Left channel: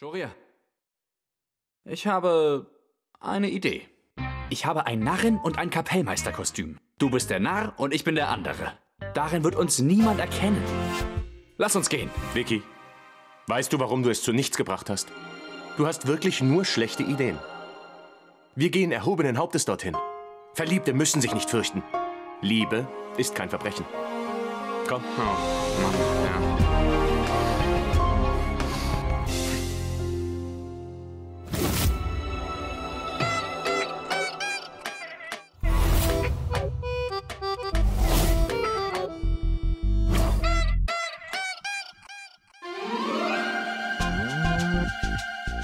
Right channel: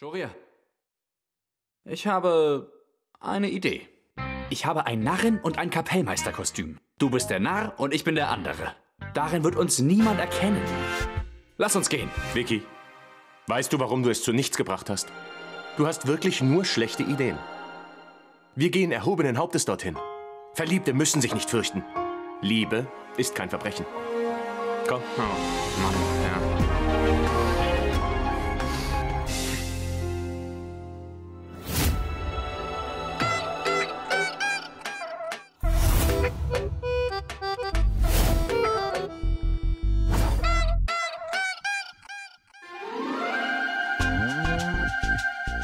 Shoria, ich habe eine Idee. Ich habe ein Narren- und ein Kapellmeisterkostüm. Du bist der Narr und ich bin der andere. Darin wird uns niemand erkennen. Lass uns gehen. Vicky, weißt du, warum du es zu nichts gebracht hast? Du hast wirklich nur schlechte Ideen. Wir gehen erhobenen Hauptes dorthin. Verliebte müssen sich nicht fürchten. Liebe ist kein Verbrechen. Komm. Oh, Mann, ja.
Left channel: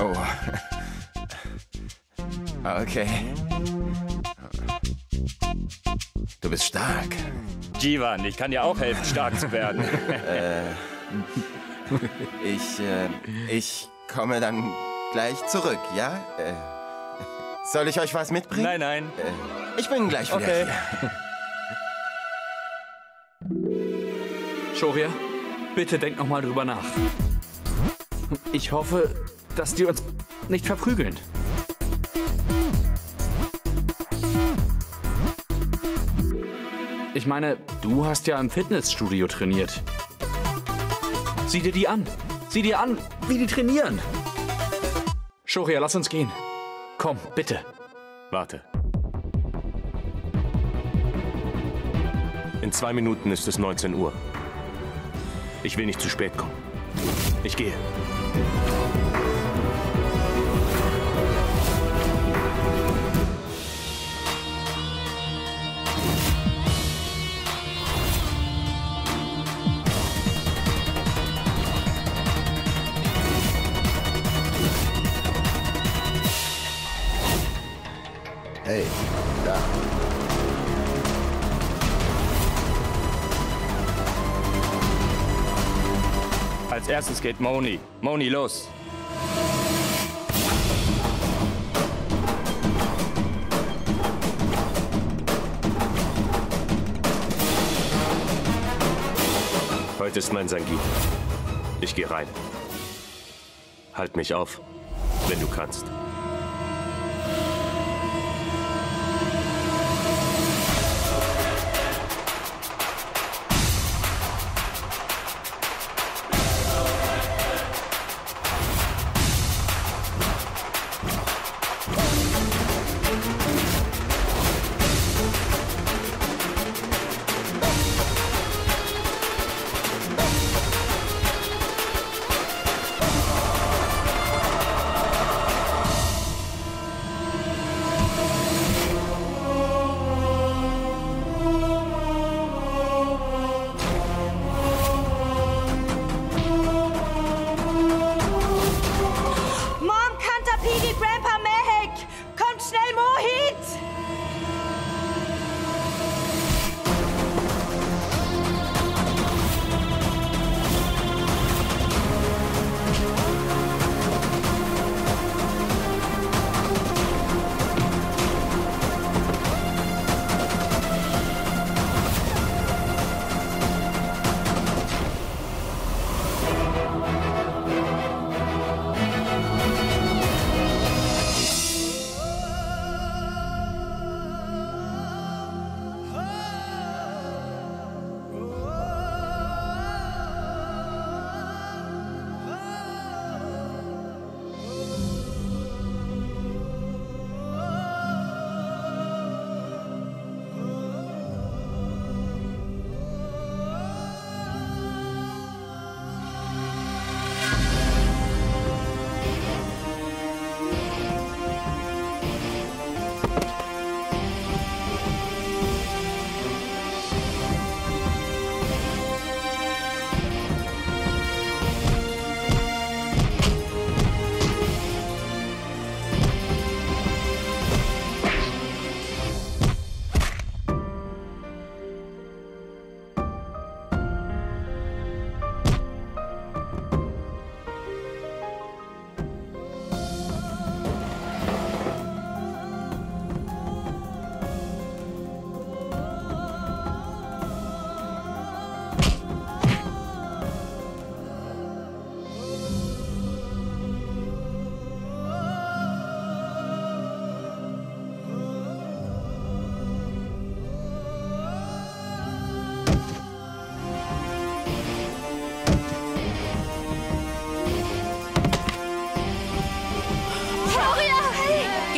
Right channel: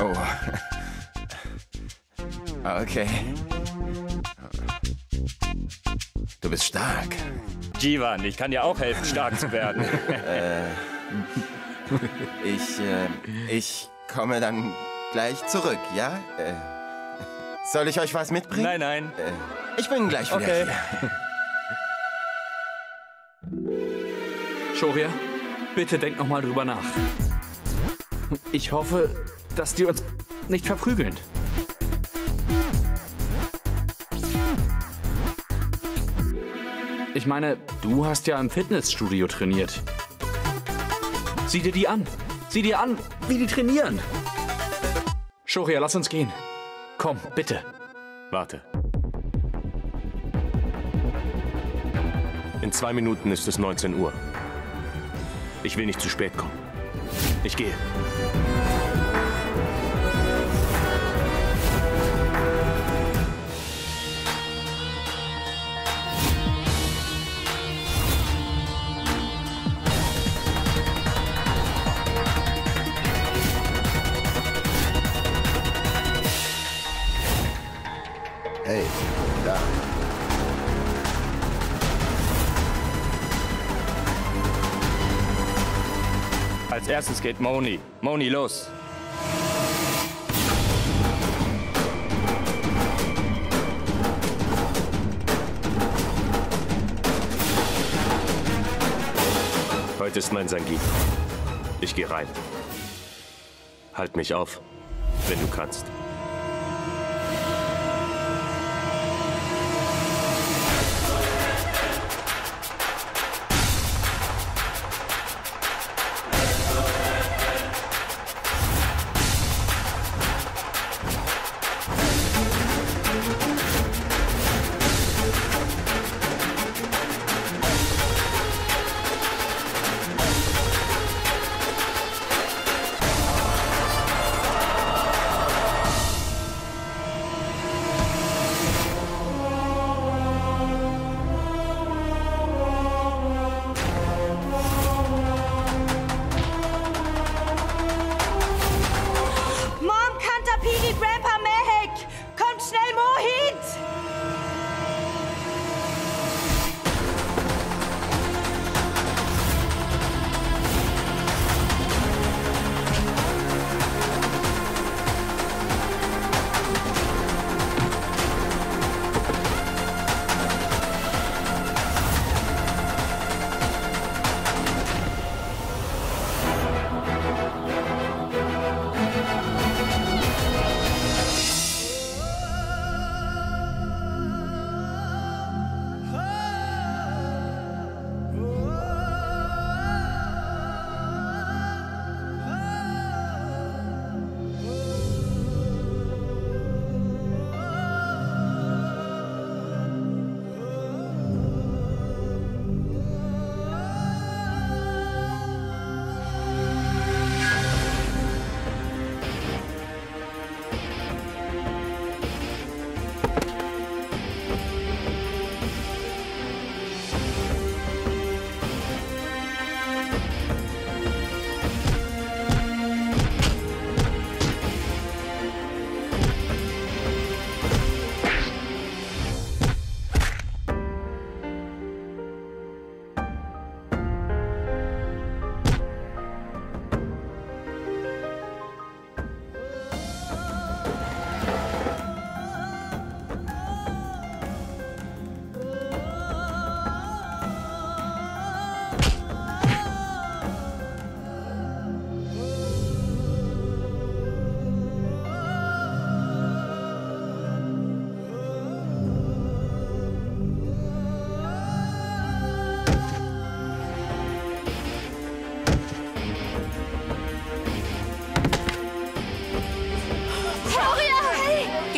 Oh. Okay. Du bist stark. Jivan, ich kann dir auch helfen, stark zu werden. Ich komme dann gleich zurück, ja? Soll ich euch was mitbringen? Nein, nein. Ich bin gleich wieder Okay. hier. Shoria, bitte denk noch mal drüber nach. Ich hoffe, dass die uns nicht verprügeln. Ich meine, du hast ja im Fitnessstudio trainiert. Sieh dir die an. Sieh dir an, wie die trainieren. Shoria, lass uns gehen. Komm, bitte. Warte. In 2 Minuten ist es 19 Uhr. Ich will nicht zu spät kommen. Ich gehe. Hey, da. Als erstes geht Moni. Moni, los. Heute ist mein Sangeet. Ich gehe rein. Halt mich auf, wenn du kannst.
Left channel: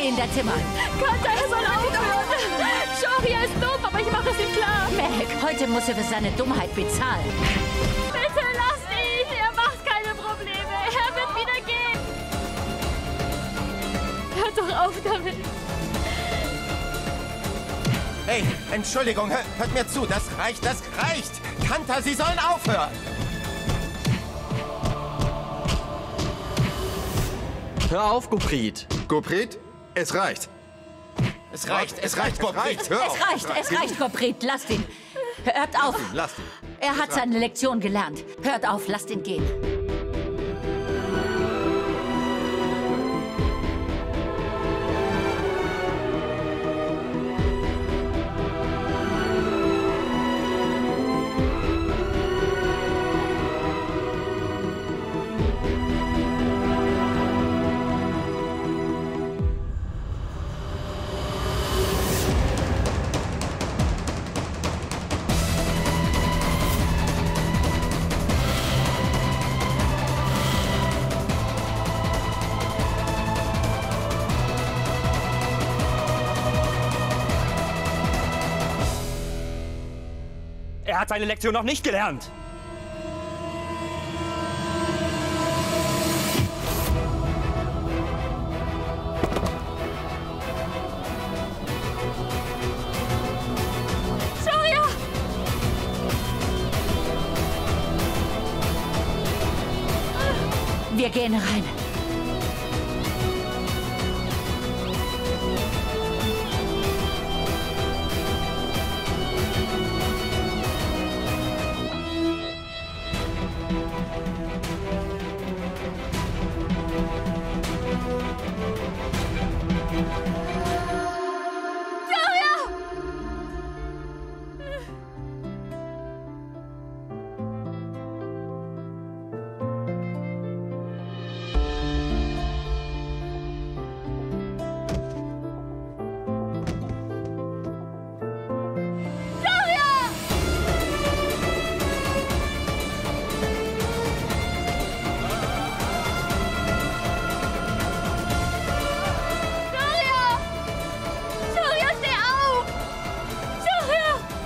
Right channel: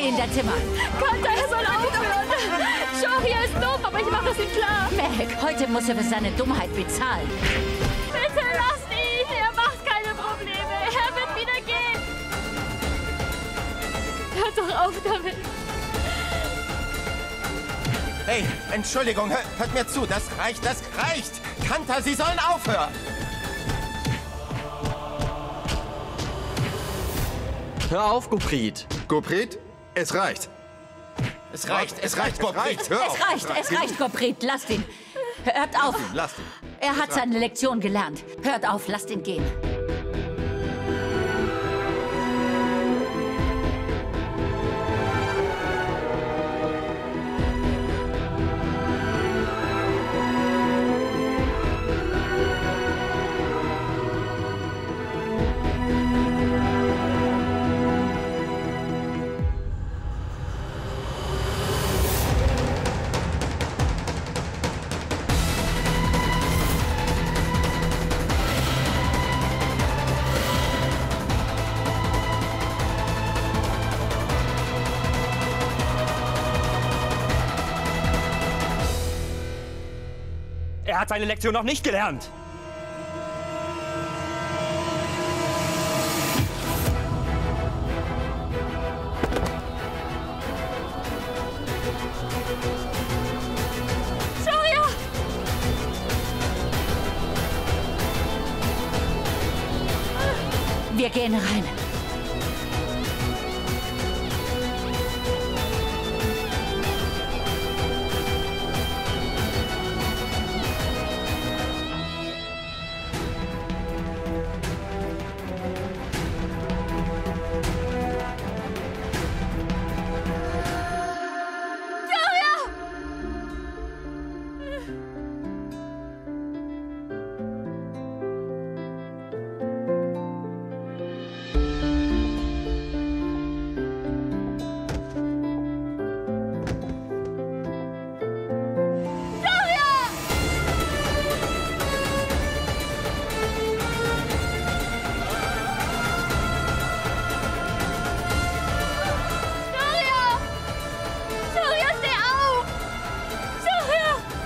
in dein Zimmer. Kanta, er soll aufhören. Shoria ist dumm, aber ich mache es ihm klar. Meg, heute muss er für seine Dummheit bezahlen. Bitte lasst ihn. Er macht keine Probleme. Er wird wieder gehen. Hört doch auf damit. Hey, Entschuldigung, hört mir zu. Das reicht. Kanta, Sie sollen aufhören. Hör auf, Gurpreet. Gurpreet, es reicht. Es reicht, Gurpreet. Hör auf. Es reicht, Gurpreet. Lasst ihn. Hört auf. Lasst ihn. Er hat seine Lektion gelernt. Hört auf, lasst ihn gehen. Er hat seine Lektion noch nicht gelernt. Shoria! Wir gehen rein.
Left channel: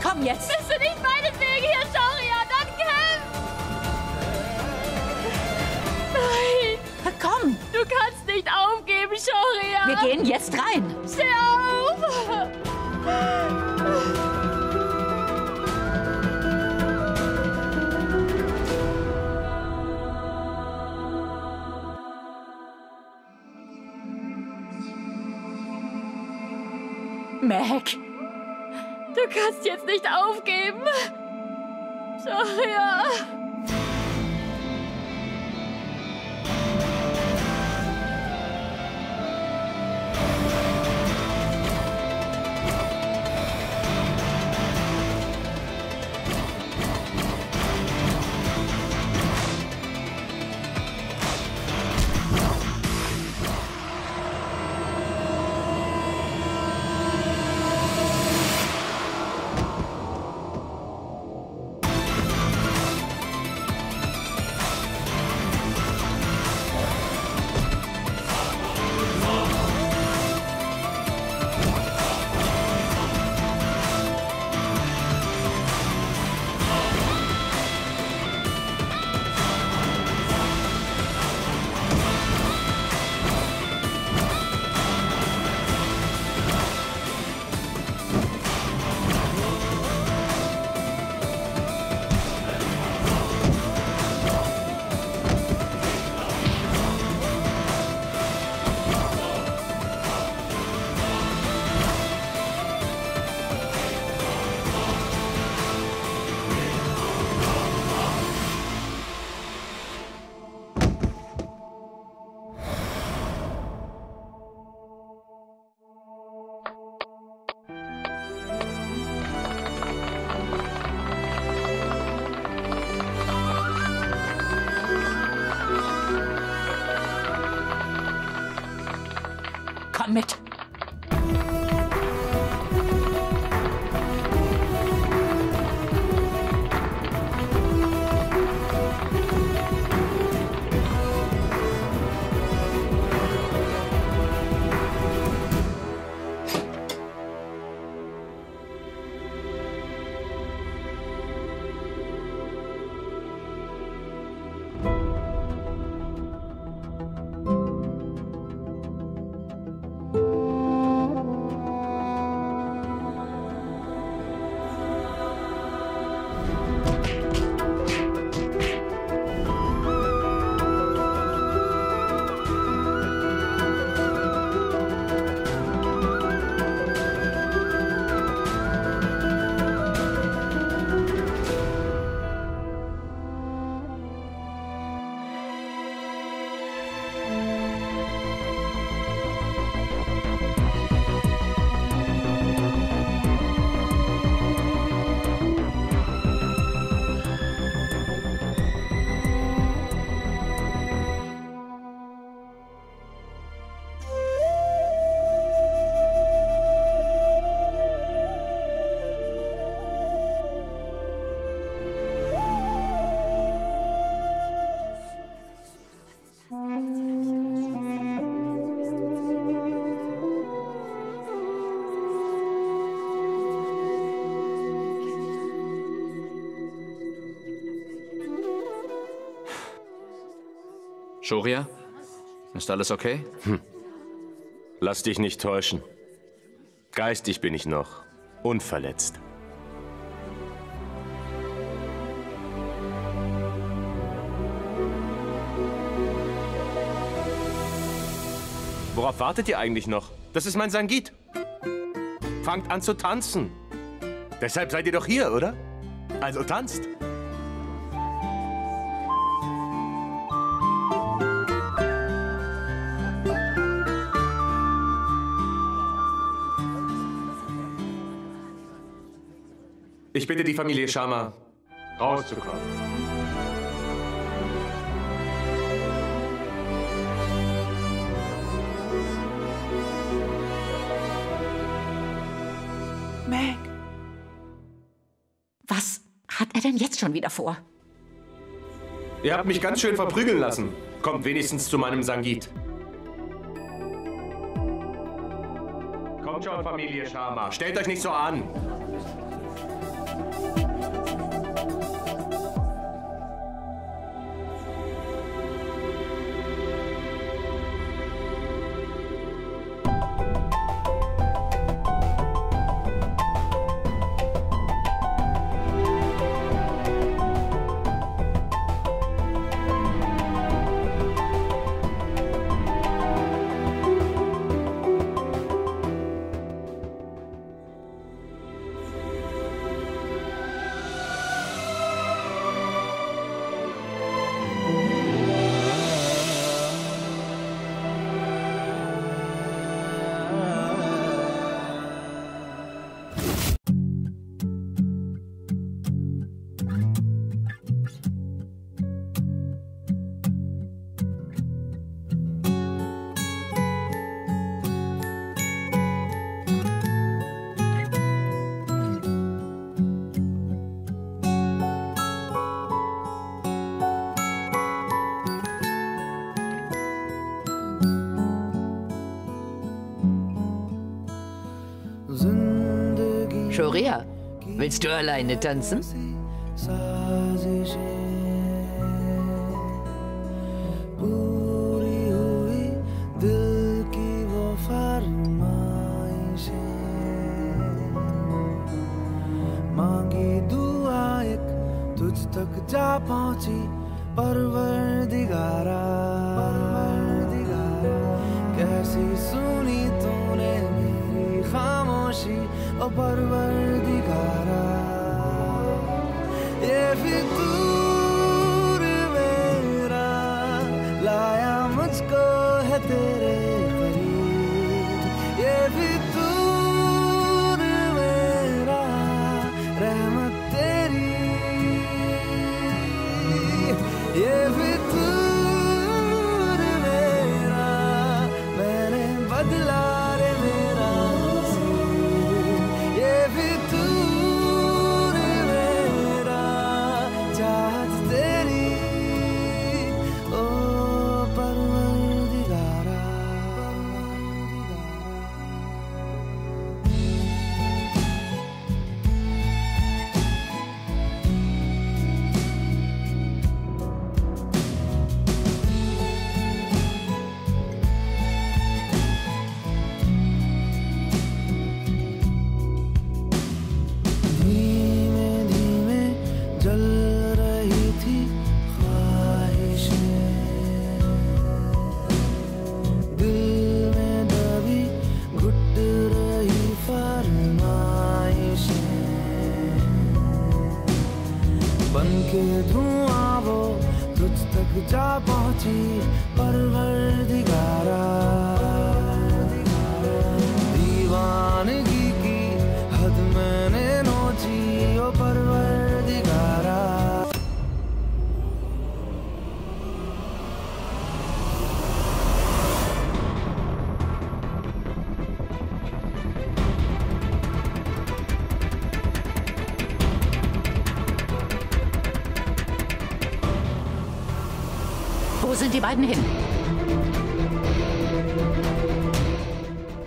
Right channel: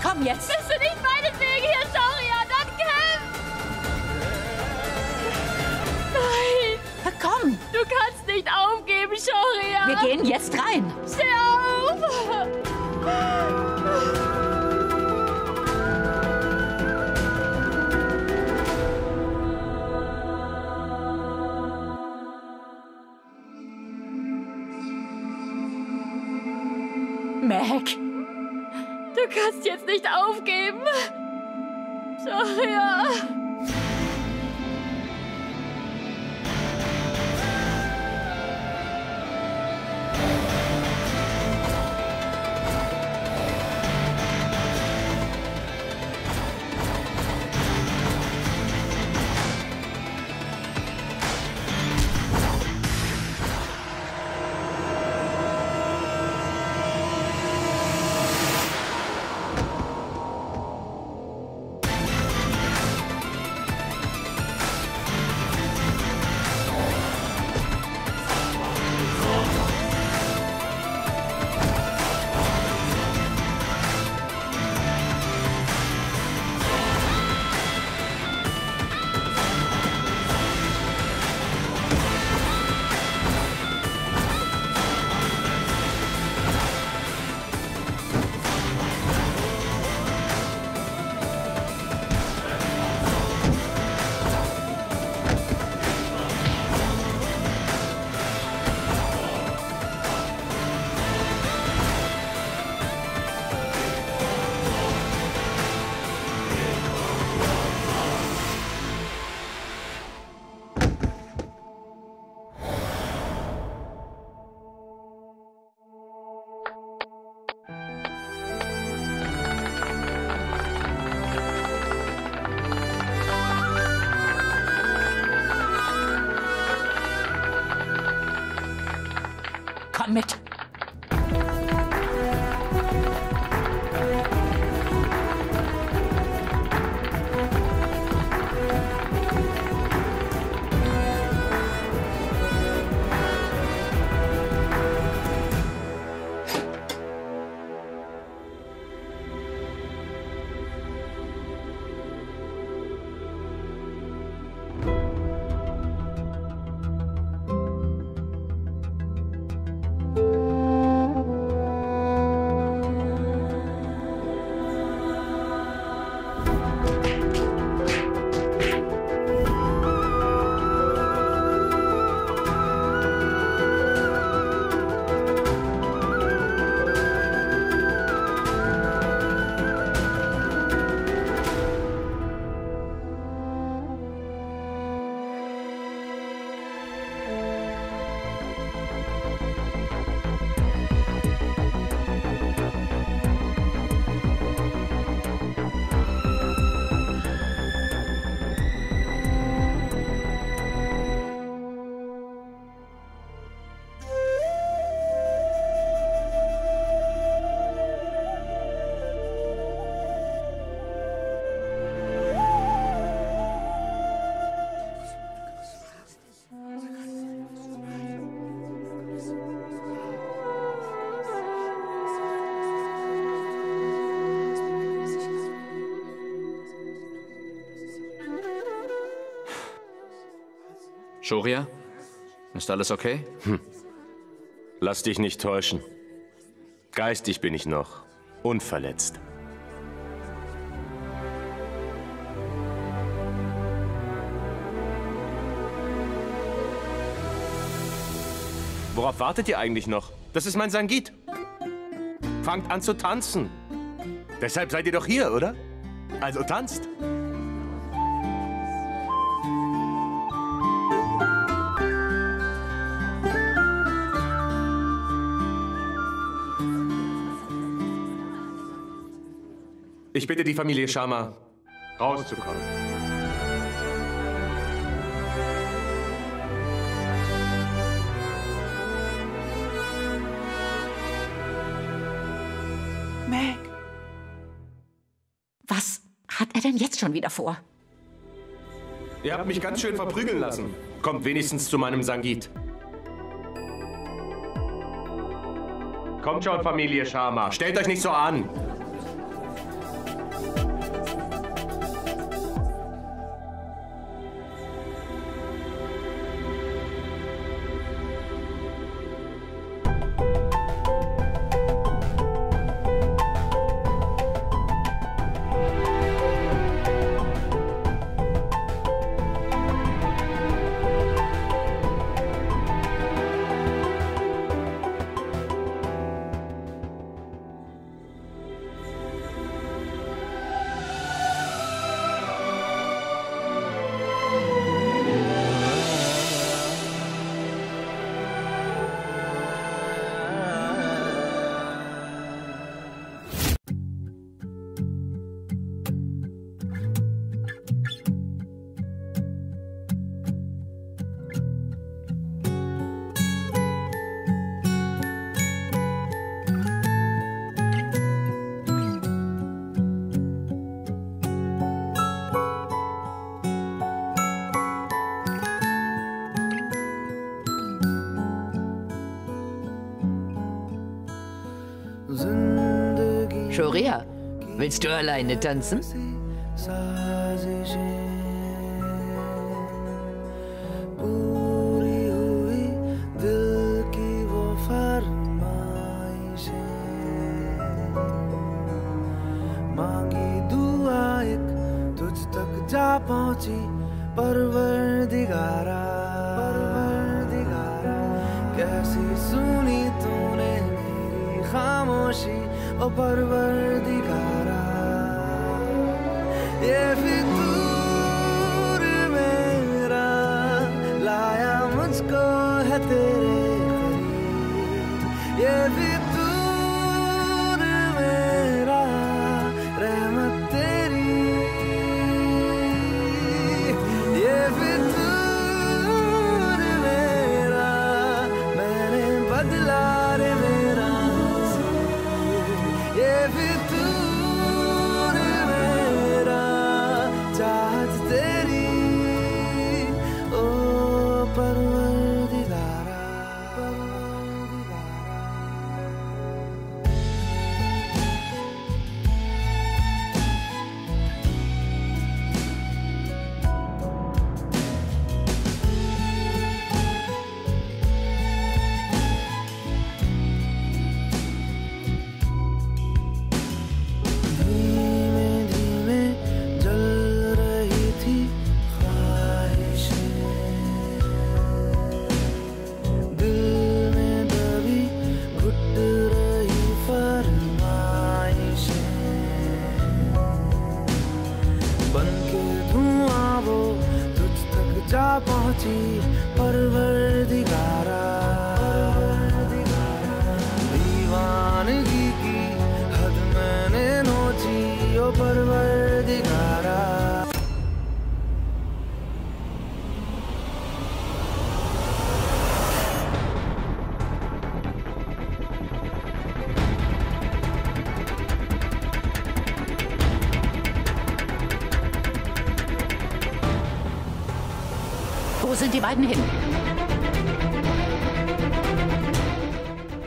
Komm jetzt! Bist du nicht meinetwegen hier, Shoria? Dann kämpf! Nein! Komm! Du kannst nicht aufgeben, Shoria! Wir gehen jetzt rein! Steh auf! Meg! Du kannst jetzt nicht aufgeben! Shoria! Komm mit! Shoria? Ist alles okay? Lass dich nicht täuschen. Geistig bin ich noch unverletzt. Worauf wartet ihr eigentlich noch? Das ist mein Sangit. Fangt an zu tanzen. Deshalb seid ihr doch hier, oder? Also tanzt. Ich bitte die Familie Sharma, rauszukommen. Meg. Was hat er denn jetzt schon wieder vor? Ihr habt mich ganz schön verprügeln lassen. Kommt wenigstens zu meinem Sangit. Kommt schon, Familie Sharma. Stellt euch nicht so an. Shoria, willst du alleine tanzen? कैसी सुनी तूने मेरी खामोशी ओ परवरदिगारा ये फितूर मेरा लाया मुझको है तेरे करीब ये फितूर मेरा रहमत तेरी ये फितूर मेरा मैंने बदला रे मेरा ये फितूर मेरा चाहत तेरी ओ परवरदिगारा जा पहुंची परवरदिगारा दीवानगी की हद मैंने नोची ओ परवरदिगारा Wo sind die beiden hin?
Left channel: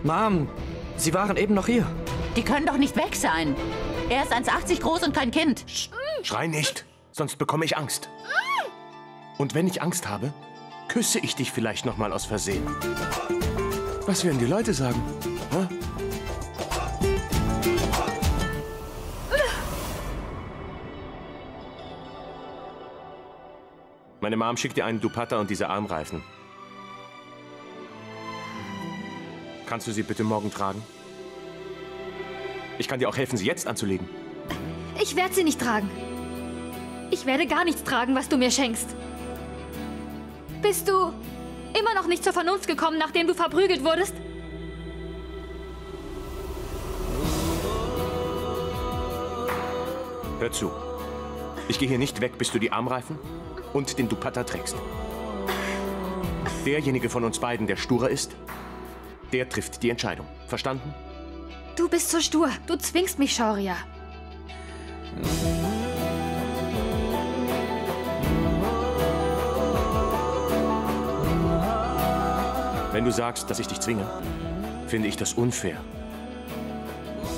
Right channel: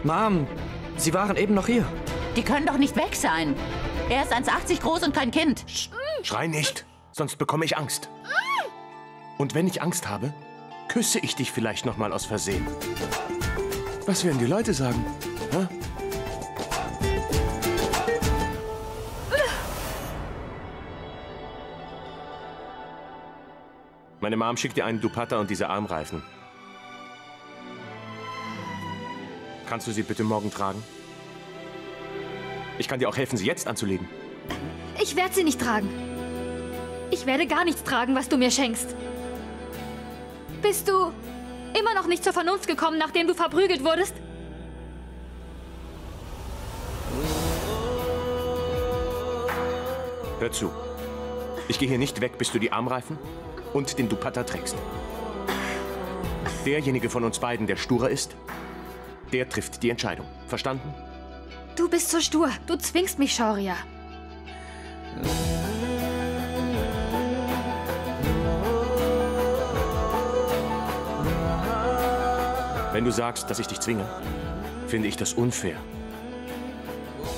Mom, sie waren eben noch hier. Die können doch nicht weg sein. Er ist 1,80 groß und kein Kind. Schrei nicht, sonst bekomme ich Angst. Und wenn ich Angst habe, Küsse ich dich vielleicht noch mal aus Versehen? Was werden die Leute sagen? Hä? Meine Mom schickt dir einen Dupatta und diese Armreifen. Kannst du sie bitte morgen tragen? Ich kann dir auch helfen, sie jetzt anzulegen. Ich werde sie nicht tragen. Ich werde gar nichts tragen, was du mir schenkst. Bist du immer noch nicht zur Vernunft gekommen, nachdem du verprügelt wurdest? Hör zu. Ich gehe hier nicht weg, bis du die Armreifen und den Dupatta trägst. Derjenige von uns beiden, der sturer ist, der trifft die Entscheidung. Verstanden? Du bist so stur. Du zwingst mich, Shaurya. Wenn du sagst, dass ich dich zwinge, finde ich das unfair.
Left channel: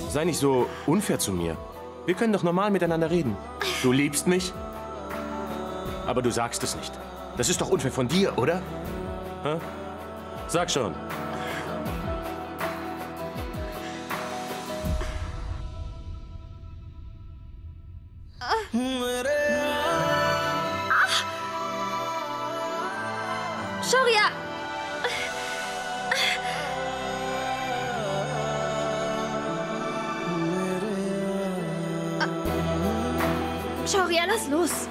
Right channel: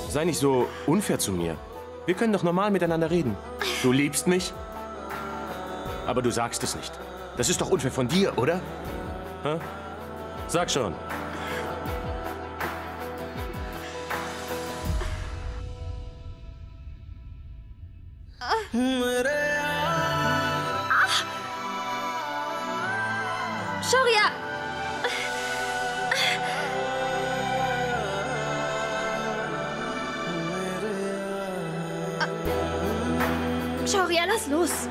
Sei nicht so unfair zu mir. Wir können doch normal miteinander reden. Du liebst mich, aber du sagst es nicht. Das ist doch unfair von dir, oder? Hä? Sag schon. Shaurya! Shaurya, lass los!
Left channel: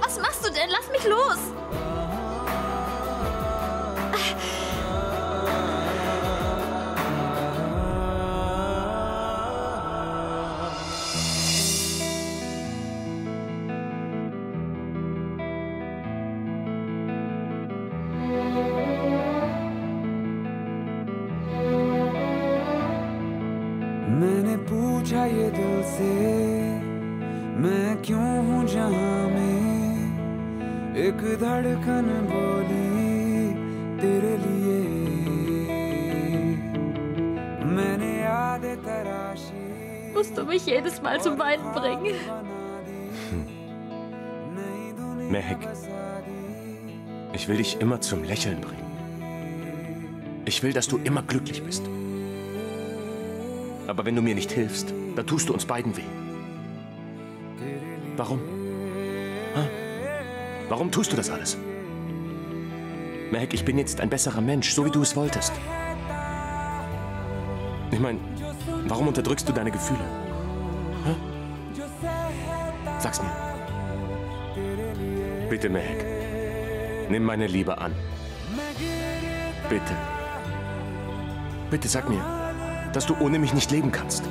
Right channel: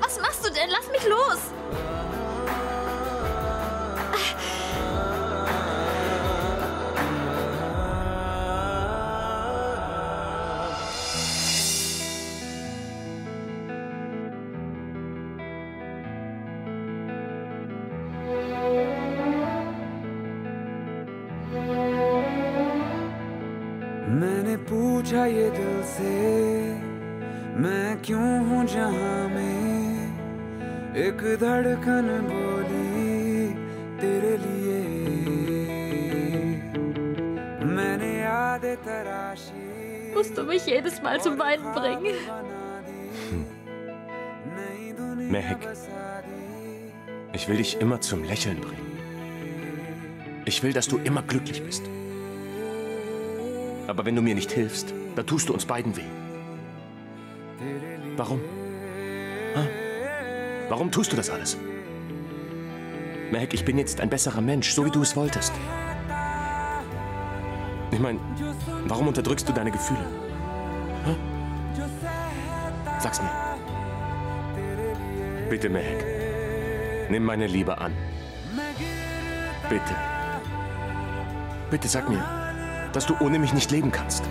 Was machst du denn? Lass mich los! मैंने पूछा ये दिल से मैं क्यों हूँ जहाँ में एक धड़कन बोली तेरे लिए मैंने याद तराशी Musst du mich jedes Mal zum Weinen bringen? Mehek, ich will dich immer zum Lächeln bringen. Ich will, dass du immer glücklich bist. Aber wenn du mir nicht hilfst, dann tust du uns beiden weh. Warum? Ha? Warum tust du das alles? Mehek, ich bin jetzt ein besserer Mensch, so wie du es wolltest. Ich meine, warum unterdrückst du deine Gefühle? Ha? Sag's mir. Bitte, Mehek, nimm meine Liebe an. Bitte. Bitte sag mir, dass du ohne mich nicht leben kannst.